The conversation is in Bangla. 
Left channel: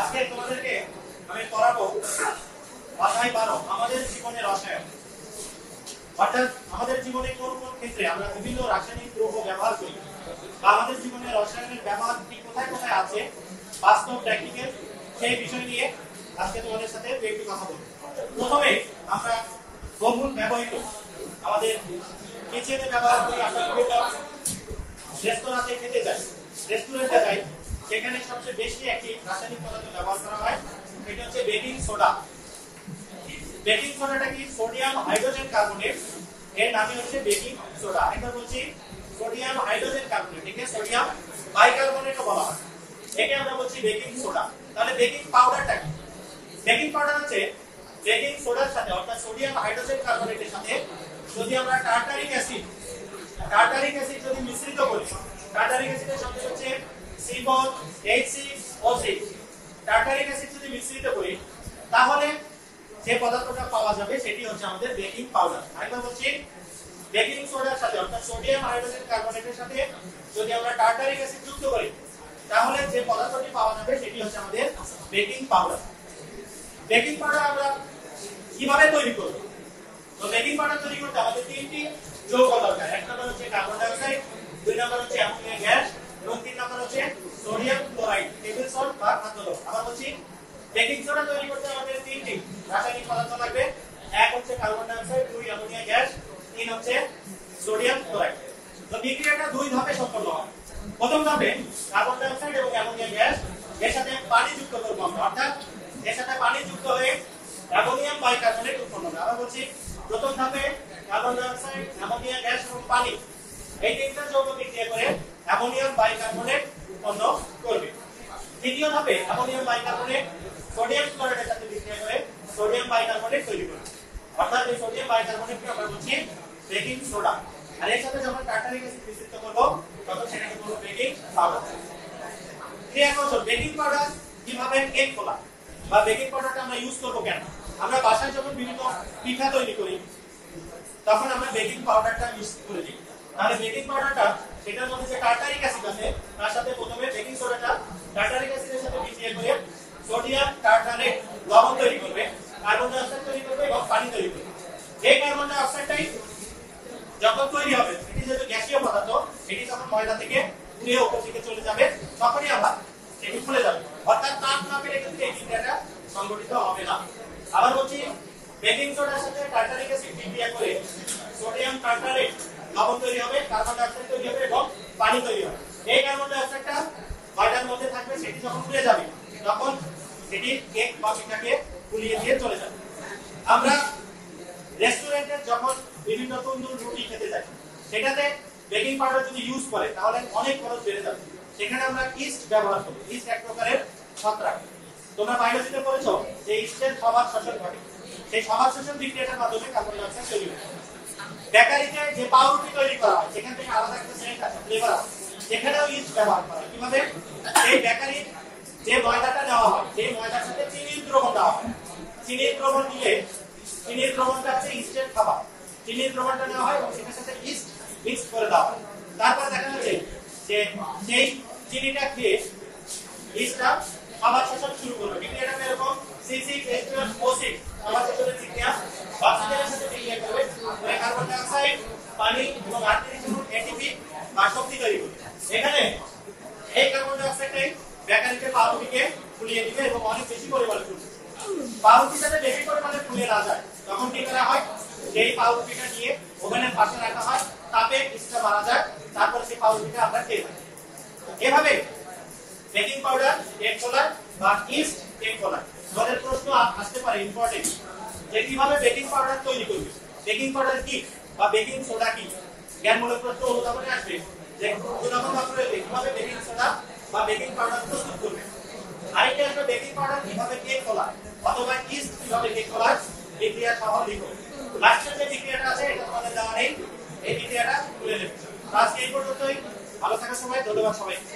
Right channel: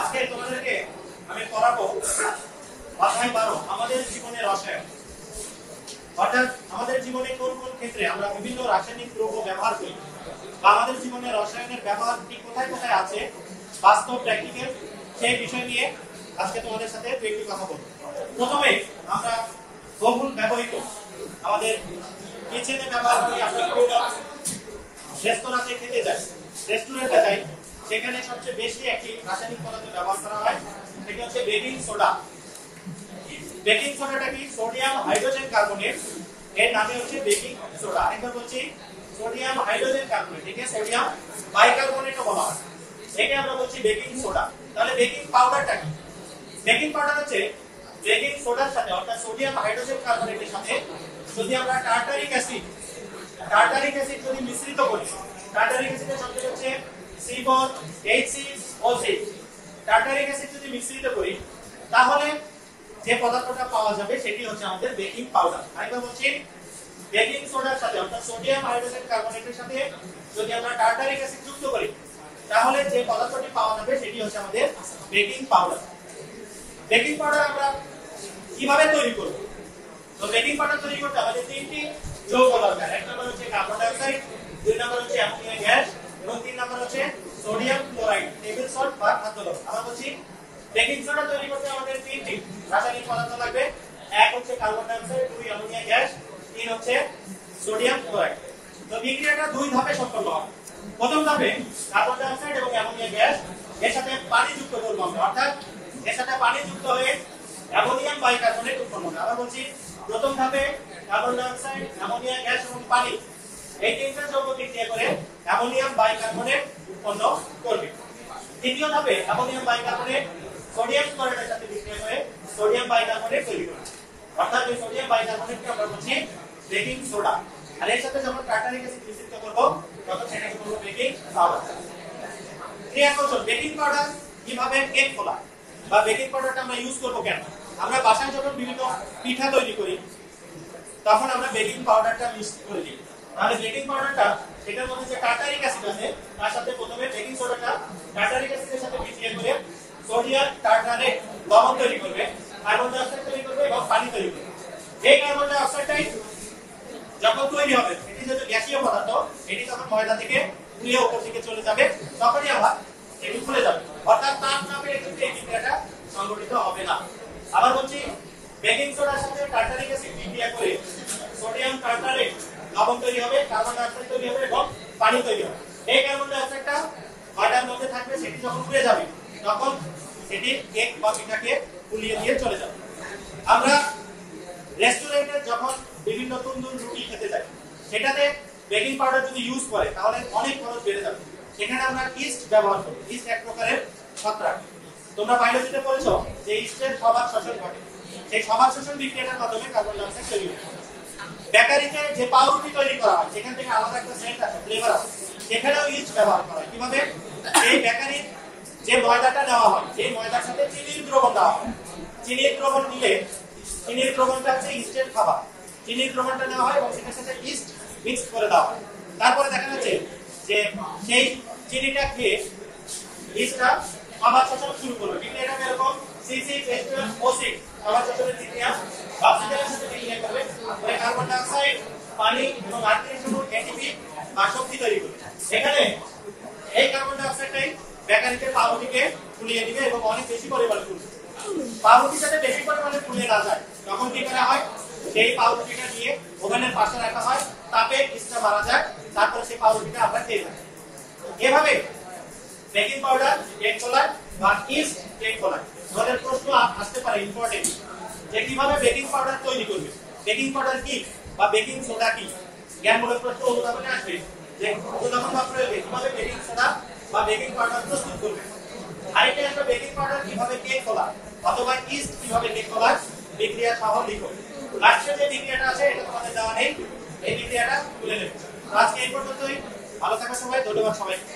আজকে তোমাদেরকে আমি পড়াবো অধ্যায় 12 আমাদের জীবনের রসায়ন। অর্থাৎ আমাদের জীবনে কোন কোন ক্ষেত্রে আমরা বিভিন্ন রাসায়নিক দ্রব্য ব্যবহার করি বা আমাদের জীবনে রসায়নের ব্যবহার ঠিক কোথায় কোথায় আছে বাস্তব প্র্যাকটিক্যাল সেই বিষয় নিয়ে আজকে তোমাদের সাথে একটু কথা বলবো। প্রথমে আমরা বহুল ব্যবহৃত আমাদের কিচেনে ব্যবহার করি, আমরা বিভিন্ন রেস্তোরাঁতে খেতে যাই, রেস্টুরেন্টে যাই, সেখানে সবচেয়ে বেশি একটি রাসায়নিক পদার্থ ব্যবহার করা হয়, সেটা হচ্ছে বেকিং সোডা। বেকিং সোডাটা কি? সোডিয়াম হাইড্রোজেন কার্বনেট, এর নামই হচ্ছে বেকিং সোডা। আরেকবার বলছি, সোডিয়াম হাইড্রোজেন কার্বনেট, একে সোডিয়াম বাইকার্বনেটও বলা হয়, একে আমরা বলছি বেকিং সোডা। তাহলে বেকিং পাউডারটা কি? বেকিং পাউডার হচ্ছে বেকিং সোডার সাথে অর্থাৎ সোডিয়াম হাইড্রোজেন কার্বনেটের সাথে যদি আমরা টার্টারিক অ্যাসিড যদি মিশ্রিত করি, টার্টারিক অ্যাসিডের সংকেত হচ্ছে C4H6O6, টার্টারিক অ্যাসিড যদি মিশ্রিত করি তাহলে যে পদার্থটা পাওয়া যাবে সেটি হচ্ছে আমাদের বেকিং পাউডার। আরেকবার বলছি, বেকিং সোডার সাথে অর্থাৎ সোডিয়াম হাইড্রোজেন কার্বনেটের সাথে যদি আমরা টার্টারিক অ্যাসিড যুক্ত করি তাহলে যে পদার্থটি পাওয়া যাবে সেটি হচ্ছে আমাদের বেকিং পাউডার। বেকিং পাউডার আমরা কিভাবে তৈরি করব? তো বেকিং পাউডার তৈরি করতে আমাদের তিনটি যৌগ দরকার। এক নম্বর হচ্ছে কার্বন ডাই অক্সাইড, দুই নম্বর হচ্ছে অ্যামোনিয়া গ্যাস এবং তিন নম্বর হচ্ছে সোডিয়াম ক্লোরাইড, টেবিল সল্ট বা খাদ্য লবণ। আমরা বলছি বেকিং সোডা তৈরি করতে আমাদের তিনটি রাসায়নিক পদার্থ লাগবে। এক হচ্ছে কার্বন ডাই অক্সাইড, দুই অ্যামোনিয়া গ্যাস, তিন হচ্ছে সোডিয়াম ক্লোরাইড। তো বিক্রিয়াটা দুই ধাপে সম্পন্ন হয়। প্রথম ধাপে কার্বন ডাই অক্সাইড এবং অ্যামোনিয়া গ্যাস এর সাথে পানি যুক্ত করব আমরা, অর্থাৎ এর সাথে পানি যুক্ত হয়ে অ্যামোনিয়াম বাইকার্বনেট উৎপন্ন হবে। আমরা বলছি প্রথম ধাপে carbon die oxide, ammonia gas এবং পানি এই তিনটা যৌগ বিক্রিয়া করে অ্যামোনিয়াম বাইকার্বনেট উৎপন্ন করবে। দ্বিতীয় ধাপে অ্যামোনিয়াম বাইকার্বনেট সোডিয়াম ক্লোরাইডের সাথে বিক্রিয়া করে সোডিয়াম বাইকার্বনেট তৈরি করবে, অর্থাৎ এই সোডিয়াম বাইকার্বনেটকে আমরা বলছি বেকিং সোডা। আর এর সাথে যখন টার্টারিক অ্যাসিড মিশ্রিত করব তখন সেটাকে বলবো বেকিং পাউডার। ক্রিয়া কৌশল বেকিং পাউডার কিভাবে কেক ফোলা বা বেকিং পাউডারটা আমরা ইউজ করব কেন? আমরা বাসায় যখন বিভিন্ন পিঠা তৈরি করি তখন আমরা বেকিং পাউডারটা ইউজ করি। তাহলে বেকিং পাউডারটা সেটার মধ্যে যে টার্টারিক অ্যাসিড আছে তার সাথে প্রথমে বেকিং সোডাটা টার্টারিক অ্যাসিডের সাথে বিক্রিয়া করে সোডিয়াম টার্টারেট লবণ তৈরি করবে, কার্বন ডাই অক্সাইড তৈরি করবে এবং পানি তৈরি করবে। এই কার্বন ডাই অক্সাইডটাই যখন তৈরি হবে এটি যেহেতু গ্যাসীয় পদার্থ, এটি যখন ময়দা থেকে ধুয়ে উপর দিকে চলে যাবে তখনই আবার এটি খুলে যাবে, অর্থাৎ তাপ না পেলে কিন্তু এই বিক্রিয়াটা সংঘটিত হবে না। আবার বলছি, বেকিং সোডার সাথে টার্টারিক অ্যাসিড বিক্রিয়া করে সোডিয়াম টার্টারেট লবণ তৈরি হবে, কার্বন ডাই অক্সাইড তৈরি হবে এবং পানি তৈরি হবে। এই কার্বন ডাই অক্সাইডটা ময়দার মধ্যে থাকবে, সেটি যখন খুলে যাবে তখন এটি কেক বা পিঠাকে ফুলিয়ে দিয়ে চলে যাবে। আমরা রেস্টুরেন্টে যখন বিভিন্ন তন্দুর রুটি খেতে যাই সেটাতে বেকিং পাউডার যদি ইউজ করে তাহলে অনেক খরচ বেড়ে যাবে। সেখানে আমরা ইস্ট ব্যবহার করি। ইস্ট এক প্রকারের ছত্রাক। তোমরা বায়োলজিতে পড়েছো যে ইস্টের স্বভাব শ্বসন ঘটে, সেই স্বভাব শ্বসন বিক্রিয়ার মাধ্যমে কার্বন ডাই অক্সাইড তৈরি হয়। বেকারিতে যে পাউরুটি তৈরি করা হয় সেখান থেকে আলাদা একটা সেন্ট আছে, ফ্লেভার আছে, সেখানেও ইস্ট ব্যবহার করা হয়। কিভাবে? এই বেকারির যে ময়দাটা দেওয়া হয় সেই ময়দার সাথে চিনির দ্রবণ দেওয়া হয়। চিনির দ্রবণ নিলে চিনির দ্রবণটা হচ্ছে ইস্টের খাবার, চিনির দ্রবণটা নেওয়া হয় এবং সেটার সাথে ইস্ট মিক্স করে দেওয়া হয়। তারপরে দেখা যাচ্ছে যে সেই চিনিটা খেয়ে ইস্টটা খাবার শ্বসন শুরু করবে। বিক্রিয়াটা এরকম C6H12O6 খাবার শ্বসনের বিক্রিয়া অক্সিজেনের সাথে বিক্রিয়া করবে, কার্বন ডাই অক্সাইড, পানি এবং আর্সেনিক এটিপি বা শক্তি তৈরি করবে। এখানে এই কার্বন ডাই অক্সাইডটাই বেকারিতে পাউরুটিকে ফুলিয়ে দিবে এবং অনেক বেশি পরিমাণে ফুলবে। পাউরুটিটাতে বেশি পরিমাণে ফুলে না যায় তখন কি করা হয়? সেই পাউরুটিটা নিয়ে ওভেনের পাশে রাখা হয়, তাপে ইস্টটা মারা যায়, তারপর সেই পাউরুটিটা আমরা খেয়ে থাকি। এভাবে বেকিং পাউডার কেক ফোলার বা ইস্ট কেক ফোলার। আমাদের প্রশ্ন আসতে পারে ইম্পর্টেন্ট যে কিভাবে বেকিং পাউডার তৈরি করবে, বেকিং পাউডার কি বা বেকিং সোডা কি? জ্ঞানমূলক প্রশ্ন উদাহরণে আসবে যে উদাহরণ প্রয়োগে কিভাবে বেকিং সোডা বা বেকিং পাউডার প্রস্তুত করবে। আরেকটা আসবে বেকিং পাউডার কিভাবে কেক ফোলা অথবা ইস্ট কিভাবে কেক ফোলার বিক্রিয়া সহ লিখো। লাস্টের যে বিক্রিয়াটা আছে এটা তোমাদের দেওয়া নেই, এই বিক্রিয়াটা তুলে নেবে। আজকে এই পর্যন্তই। ভালো থাকার সময় ধন্যবাদ সবাইকে।